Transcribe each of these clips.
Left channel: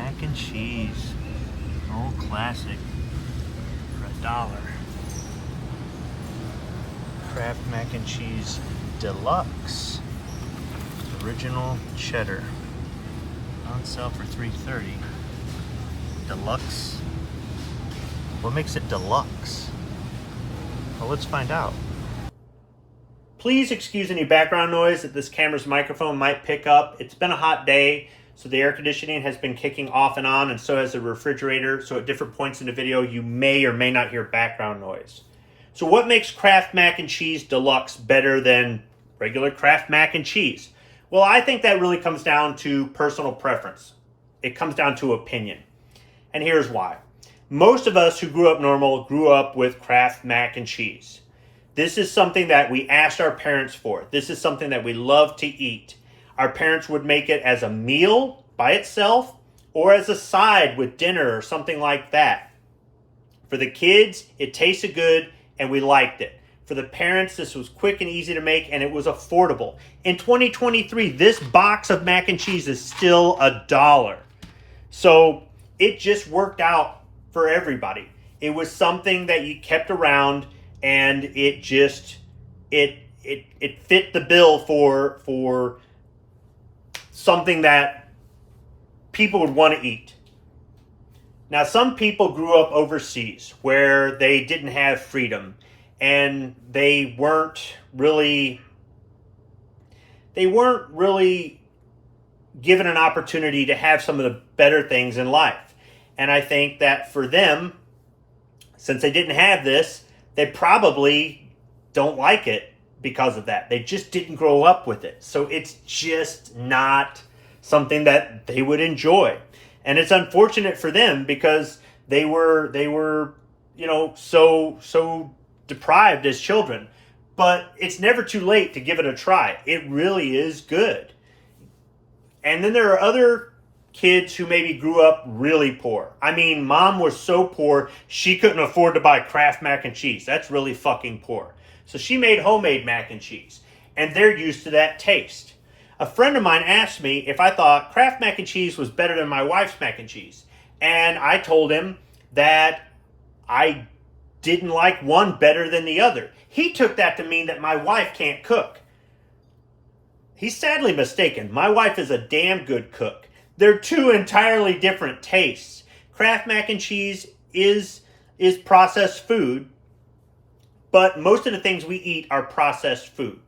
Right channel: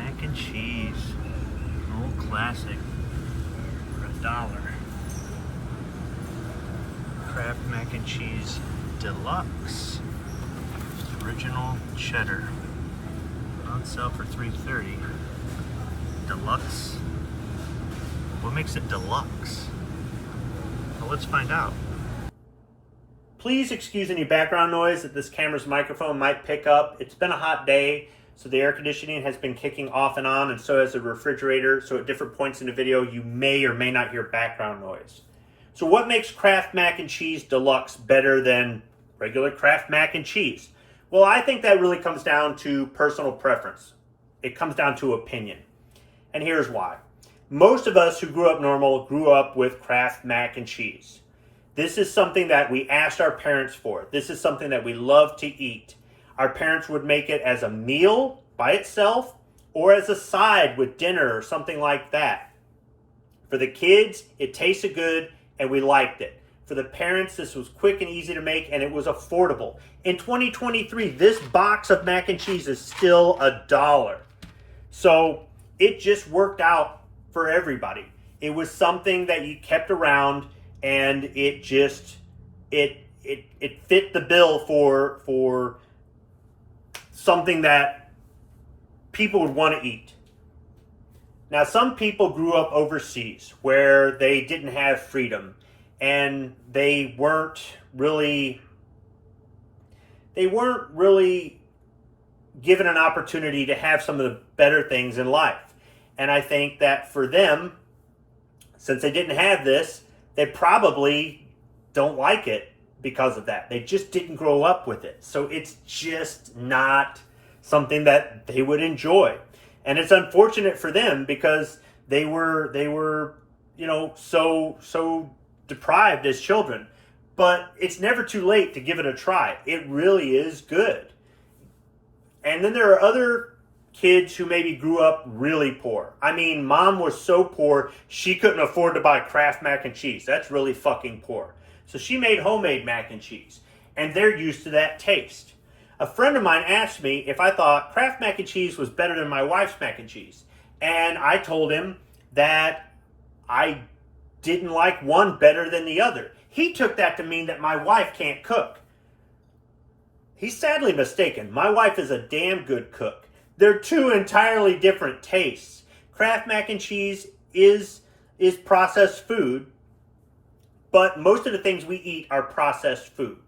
mac and cheese. Old classic for $1. Kraft mac and cheese deluxe original cheddar. On sale for $3.30. Deluxe. What makes it deluxe? Well, let's find out. Please excuse any background noise that this camera's microphone might pick up. It's been a hot day, so the air conditioning has been kicking off and on, and so has the refrigerator. So at different points in the video, you may or may not hear background noise. So what makes Kraft mac and cheese deluxe better than regular Kraft mac and cheese? Well, I think that really comes down to personal preference. It comes down to opinion. And here's why. Most of us who grew up normal grew up with Kraft mac and cheese. This is something that we asked our parents for. This is something that we love to eat. Our parents would make it as a meal by itself or as a side with dinner or something like that. For the kids, it tasted good and we liked it. For the parents, this was quick and easy to make, and it was affordable. In 2023, this box of mac and cheese is still $1. So it just worked out for everybody. It was something that you kept around, and it just, it fit the bill for something that people would want to eat. Now, some people grew up overseas where they didn't have freedom and they weren't really given an opportunity to have some of the better things in life. And I think that for them, since they didn't have this, they probably don't like it because of that. They just didn't grow up with it. So it's just not something that they would enjoy. And it's unfortunate for them because they were, you know, so deprived as children. But it's never too late to give it a try. It really is good. And then there are other kids who maybe grew up really poor. I mean, mom was so poor, she couldn't afford to buy Kraft mac and cheese. That's really fucking poor. So she made homemade mac and cheese. And they're used to that taste. A friend of mine asked me if I thought Kraft mac and cheese was better than my wife's mac and cheese. And I told him that I didn't like one better than the other. He took that to mean that my wife can't cook. He's sadly mistaken. My wife is a damn good cook. They're two entirely different tastes. Kraft mac and cheese is processed food, but most of the things we eat are processed food.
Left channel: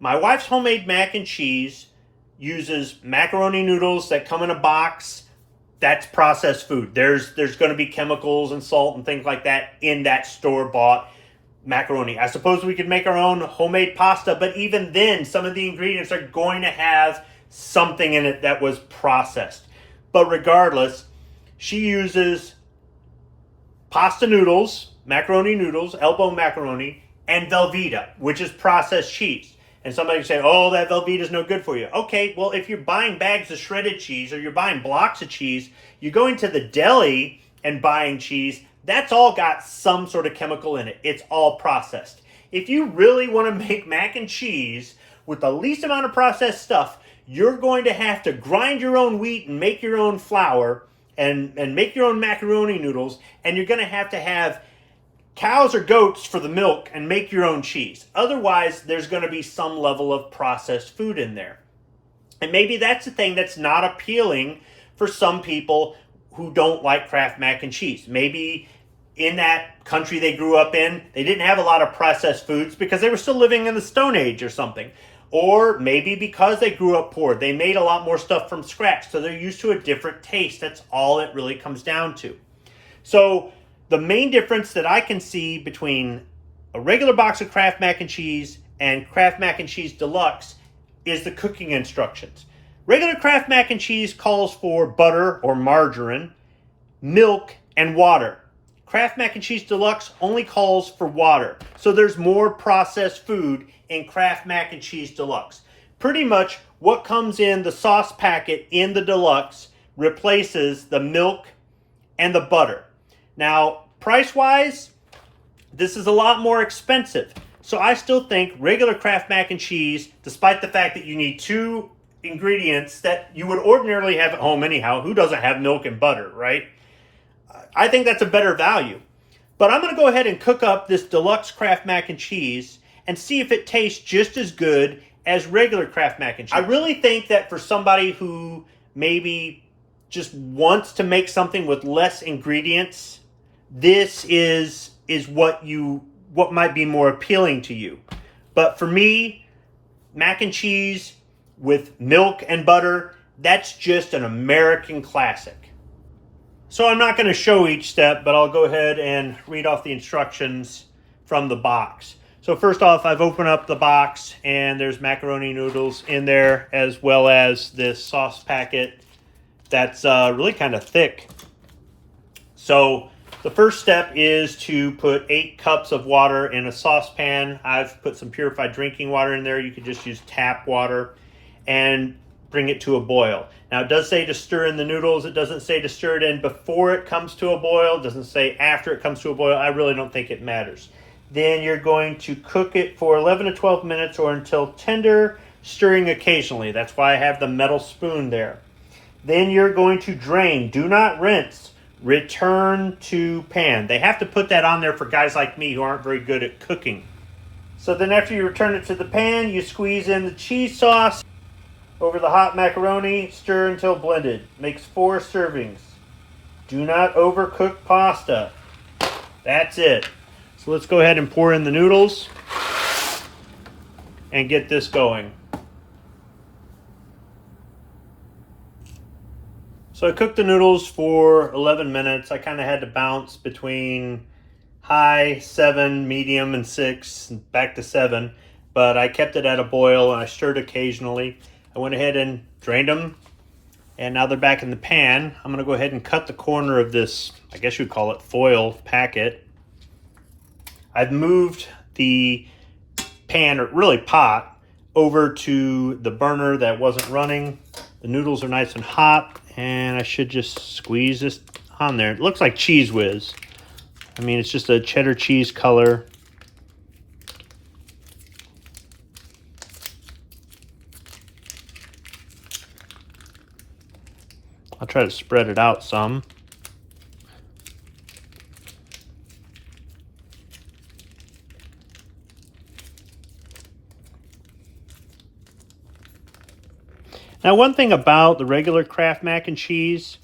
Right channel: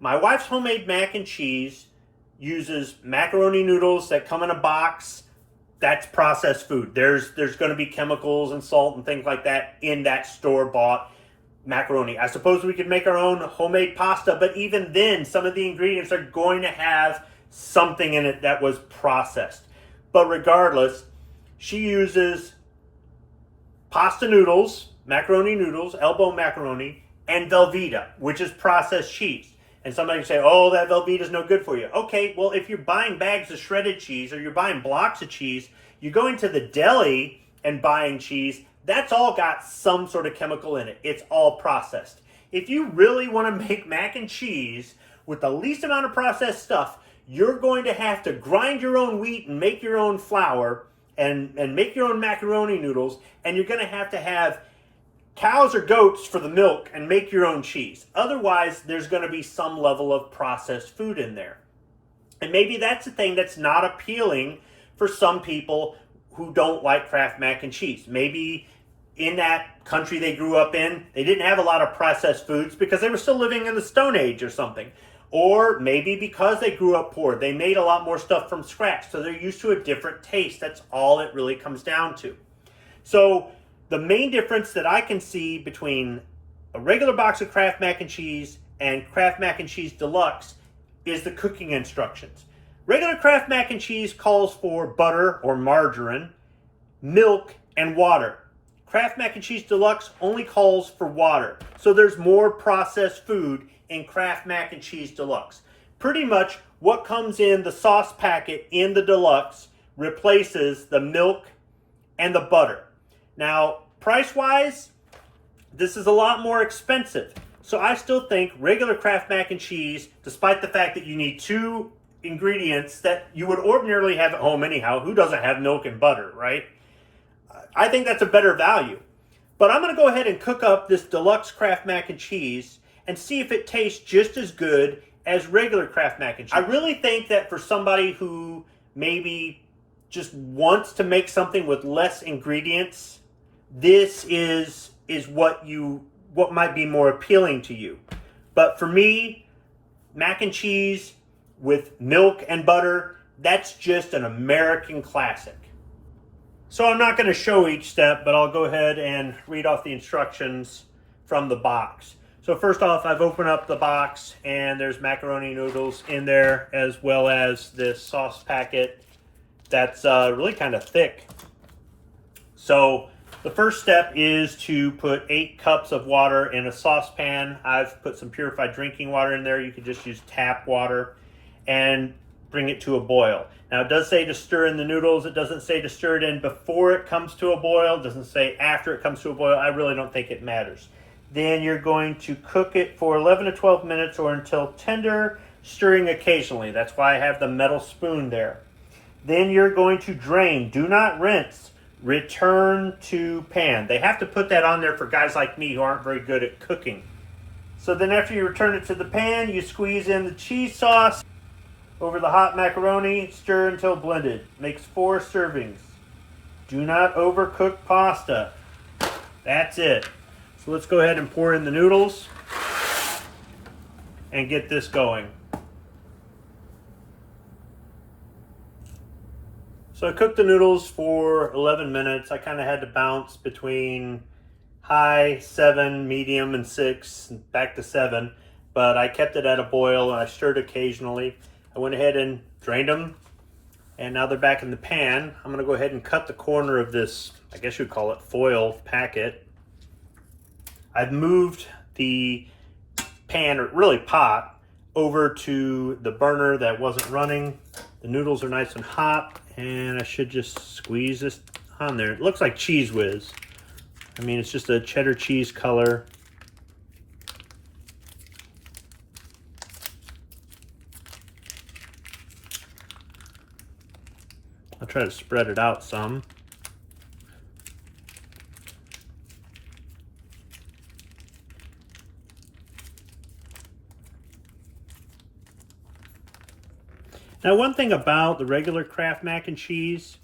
My wife's homemade mac and cheese uses macaroni noodles that come in a box. That's processed food. There's going to be chemicals and salt and things like that in that store-bought macaroni. I suppose we could make our own homemade pasta, but even then, some of the ingredients are going to have something in it that was processed. But regardless, she uses pasta noodles, macaroni noodles, elbow macaroni, and Velveeta, which is processed cheese. And somebody can say, oh, that Velveeta is no good for you. Okay, well, if you're buying bags of shredded cheese or you're buying blocks of cheese, you're going to the deli and buying cheese, that's all got some sort of chemical in it. It's all processed. If you really want to make mac and cheese with the least amount of processed stuff, you're going to have to grind your own wheat and make your own flour and make your own macaroni noodles, and you're going to have cows or goats for the milk and make your own cheese. Otherwise, there's going to be some level of processed food in there. And maybe that's the thing that's not appealing for some people who don't like Kraft mac and cheese. Maybe in that country they grew up in, they didn't have a lot of processed foods because they were still living in the Stone Age or something. Or maybe because they grew up poor, they made a lot more stuff from scratch, so they're used to a different taste. That's all it really comes down to. So the main difference that I can see between a regular box of Kraft mac and cheese and Kraft mac and cheese deluxe is the cooking instructions. Regular Kraft mac and cheese calls for butter or margarine, milk, and water. Kraft mac and cheese deluxe only calls for water. So there's more processed food in Kraft mac and cheese deluxe. Pretty much what comes in the sauce packet in the deluxe replaces the milk and the butter. Now, price-wise, this is a lot more expensive. So I still think regular Kraft mac and cheese, despite the fact that you need two ingredients that you would ordinarily have at home anyhow. Who doesn't have milk and butter, right? I think that's a better value. But I'm going to go ahead and cook up this deluxe Kraft mac and cheese and see if it tastes just as good as regular Kraft mac and cheese. I really think that for somebody who maybe just wants to make something with less ingredients, this is what might be more appealing to you. But for me, mac and cheese with milk and butter, that's just an American classic. So I'm not going to show each step, but I'll go ahead and read off the instructions from the box. So first off, I've opened up the box and there's macaroni noodles in there, as well as this sauce packet that's really kind of thick. So the first step is to put 8 cups of water in a saucepan. I've put some purified drinking water in there. You could just use tap water, and bring it to a boil. Now it does say to stir in the noodles. It doesn't say to stir it in before it comes to a boil. It doesn't say after it comes to a boil. I really don't think it matters. Then you're going to cook it for 11 to 12 minutes or until tender, stirring occasionally. That's why I have the metal spoon there. Then you're going to drain. Do not rinse. Return to pan. They have to put that on there for guys like me who aren't very good at cooking. So then after you return it to the pan, you squeeze in the cheese sauce over the hot macaroni, stir until blended. Makes 4 servings. Do not overcook pasta. That's it. So let's go ahead and pour in the noodles and get this going. So I cooked the noodles for 11 minutes. I kind of had to bounce between high, 7, medium, and 6, back to 7. But I kept it at a boil and I stirred occasionally. I went ahead and drained them, and now they're back in the pan. I'm going to go ahead and cut the corner of this, I guess you'd call it foil packet. I've moved the pan, or really pot, over to the burner that wasn't running. The noodles are nice and hot, and I should just squeeze this on there. It looks like Cheese Whiz. I mean, it's just a cheddar cheese color. I'll try to spread it out some. Now, one thing about the regular Kraft mac and cheese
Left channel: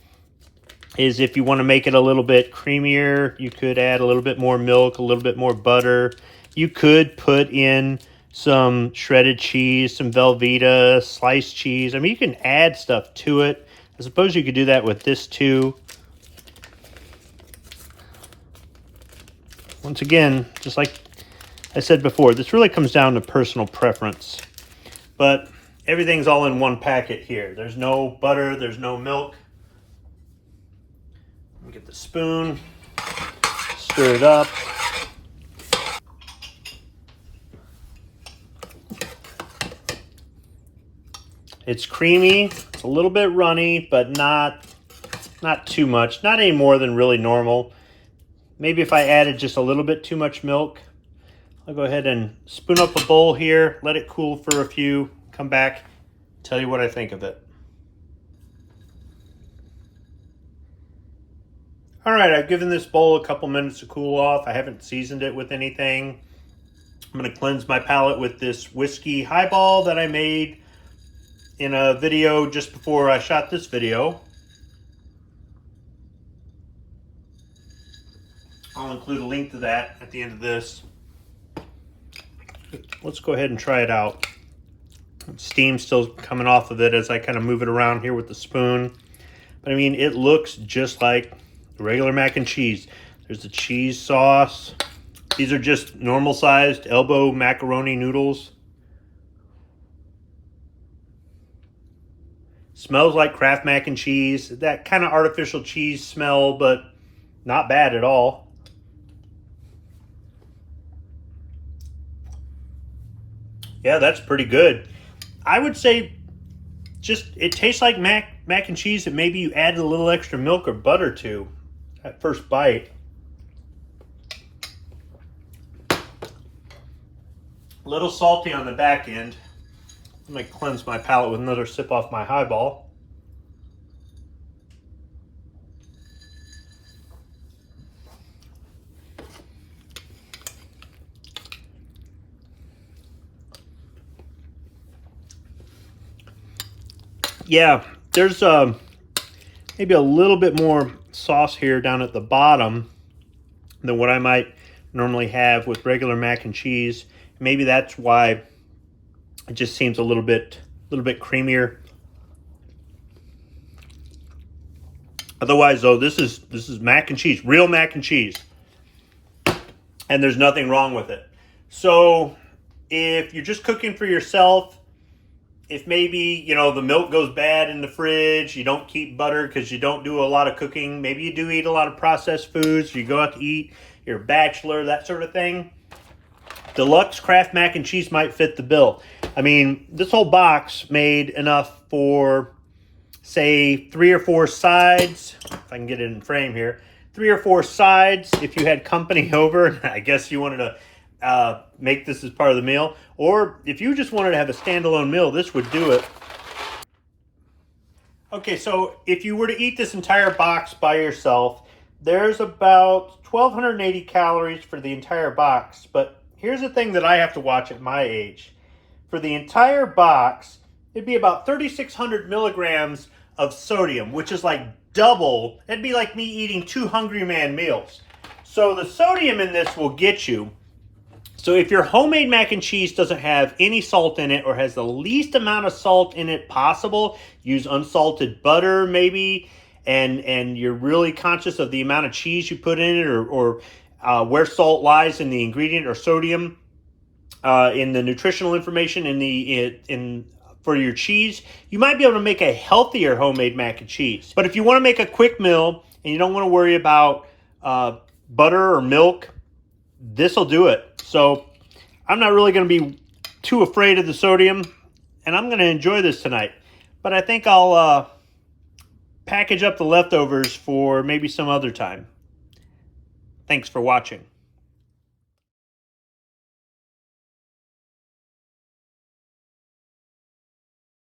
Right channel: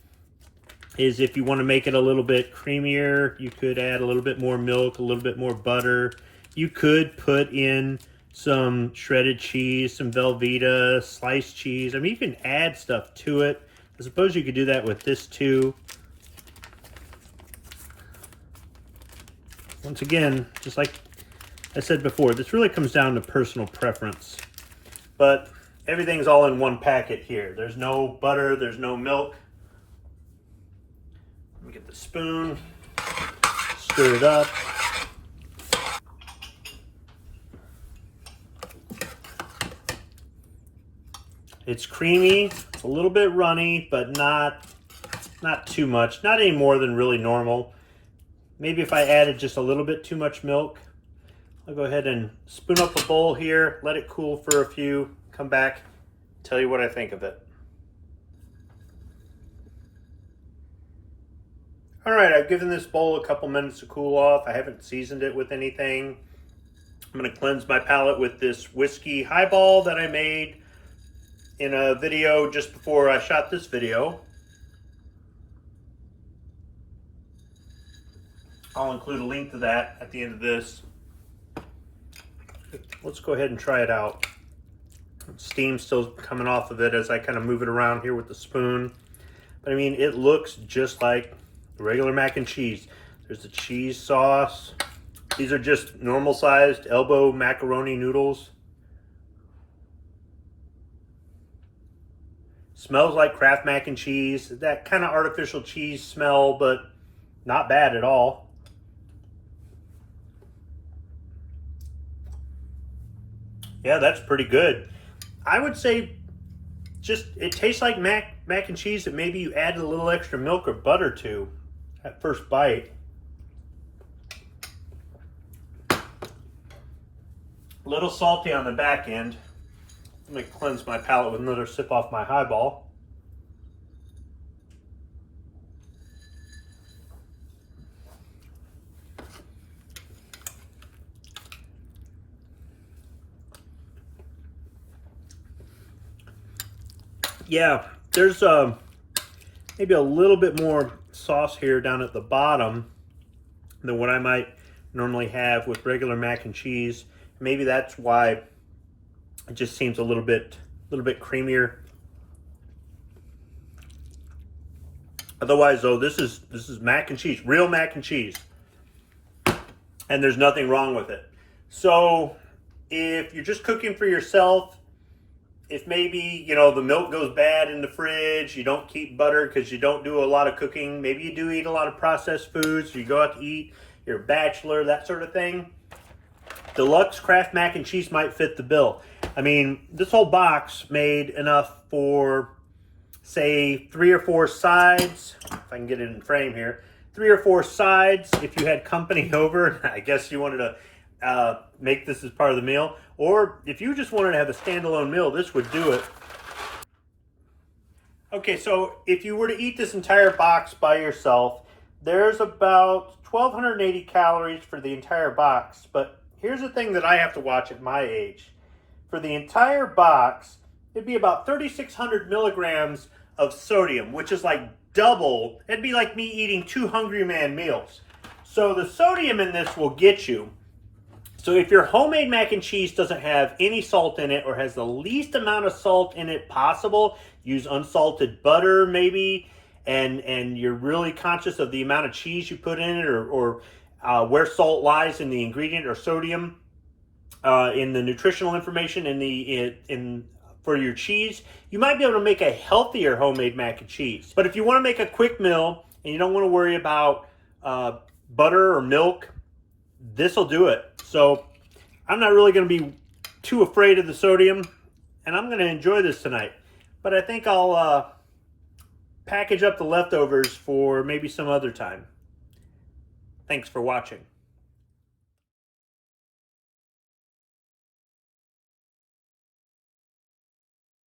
is if you want to make it a little bit creamier, you could add a little bit more milk, a little bit more butter. You could put in some shredded cheese, some Velveeta, sliced cheese. I mean, you can add stuff to it. I suppose you could do that with this too. Once again, just like I said before, this really comes down to personal preference. But everything's all in one packet here. There's no butter, there's no milk. Let me get the spoon, stir it up. It's creamy, it's a little bit runny, but not too much. Not any more than really normal. Maybe if I added just a little bit too much milk. I'll go ahead and spoon up a bowl here, let it cool for a few, come back, tell you what I think of it. All right, I've given this bowl a couple minutes to cool off. I haven't seasoned it with anything. I'm going to cleanse my palate with this whiskey highball that I made in a video just before I shot this video. I'll include a link to that at the end of this. Let's go ahead and try it out. Steam's still coming off of it as I kind of move it around here with the spoon. But I mean, it looks just like regular mac and cheese. There's the cheese sauce. These are just normal sized elbow macaroni noodles. Smells like Kraft mac and cheese. That kind of artificial cheese smell, but not bad at all. Yeah, that's pretty good. I would say just it tastes like mac and cheese that maybe you add a little extra milk or butter to at first bite. A little salty on the back end. Let me cleanse my palate with another sip off my highball. Yeah, there's maybe a little bit more sauce here down at the bottom than what I might normally have with regular mac and cheese. Maybe that's why it just seems a little bit creamier. Otherwise, though, this is mac and cheese, real mac and cheese, and there's nothing wrong with it. So if you're just cooking for yourself, if maybe, you know, the milk goes bad in the fridge, you don't keep butter because you don't do a lot of cooking, maybe you do eat a lot of processed foods, you go out to eat, you're a bachelor, that sort of thing, Deluxe Kraft Mac and Cheese might fit the bill. I mean, this whole box made enough for, say, 3 or 4 sides, if I can get it in frame here, 3 or 4 sides if you had company over. I guess you wanted to make this as part of the meal, or if you just wanted to have a standalone meal, this would do it. Okay, so if you were to eat this entire box by yourself, there's about 1,280 calories for the entire box. But here's the thing that I have to watch at my age. For the entire box, it'd be about 3,600 milligrams of sodium, which is like double. It'd be like me eating 2 Hungry Man meals. So the sodium in this will get you. So if your homemade mac and cheese doesn't have any salt in it or has the least amount of salt in it possible, use unsalted butter maybe, and you're really conscious of the amount of cheese you put in it, or where salt lies in the ingredient or sodium in the nutritional information for your cheese, you might be able to make a healthier homemade mac and cheese. But if you want to make a quick meal and you don't want to worry about butter or milk, this will do it. So I'm not really going to be too afraid of the sodium, and I'm going to enjoy this tonight. But I think I'll package up the leftovers for maybe some other time. Thanks for watching.